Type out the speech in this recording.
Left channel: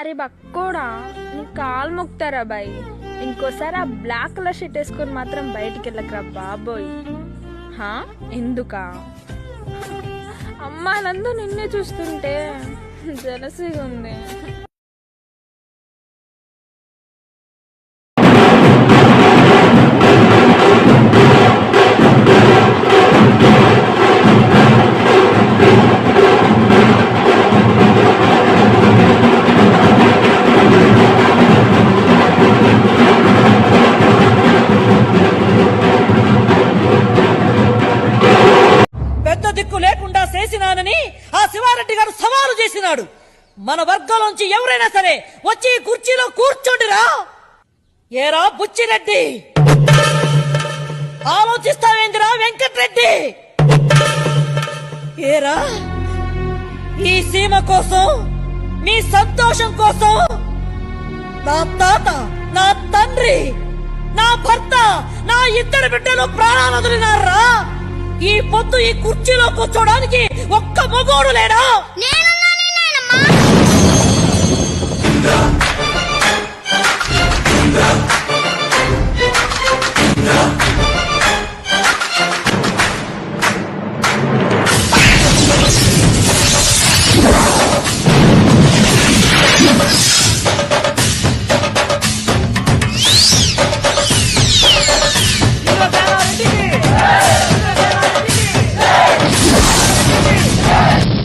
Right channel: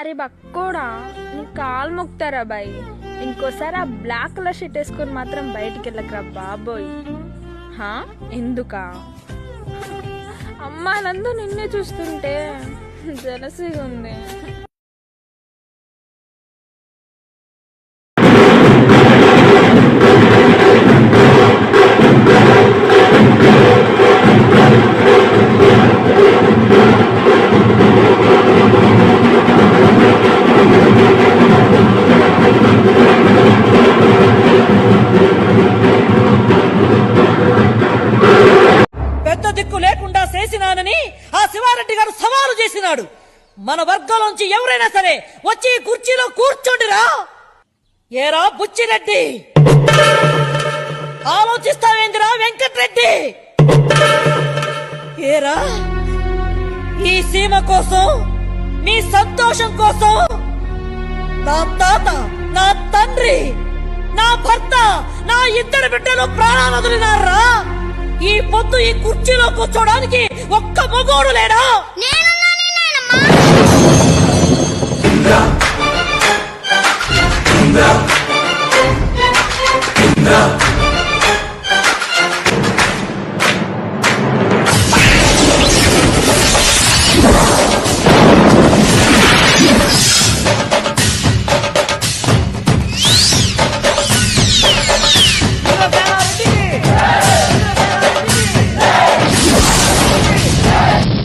అరే బక్కోడా, నీ కాలు మొక్తారా బాయ్. ఇంకోసారి ఆ బ్లాక్ కలర్ షర్ట్ వేసుకొని మాత్రం బయటికి వెళ్ళకరా బాబోయ్. హా ఎందుకా? అమ్మాయిలందరూ నిన్నే చూస్తుంటే జలసిగా ఉంది. పెద్ద దిక్కు లేకుండా చేసినానని ఆ శివారెడ్డి గారు సవాలు చేసినాడు. మన వర్గంలోంచి ఎవరైనా సరే వచ్చి కుర్చీలో కూర్చోండిరా. ఏరా బుచ్చిరెడ్డి, ఆలోచిస్తావేందిరా వెంకట్రెడ్డి? ఏరా ఈ సీమ కోసం, మీ సంతోషం కోసం నా తాత, నా తండ్రి, నా భర్త, నా ఇద్దరు బిడ్డలు ప్రాణాలు వదిలినారా. ఈ పొద్దు ఈ కుర్చీలో కూర్చోడానికి ఒక్క మగోడు లేడా? నేనున్నాను నాయనమ్మా.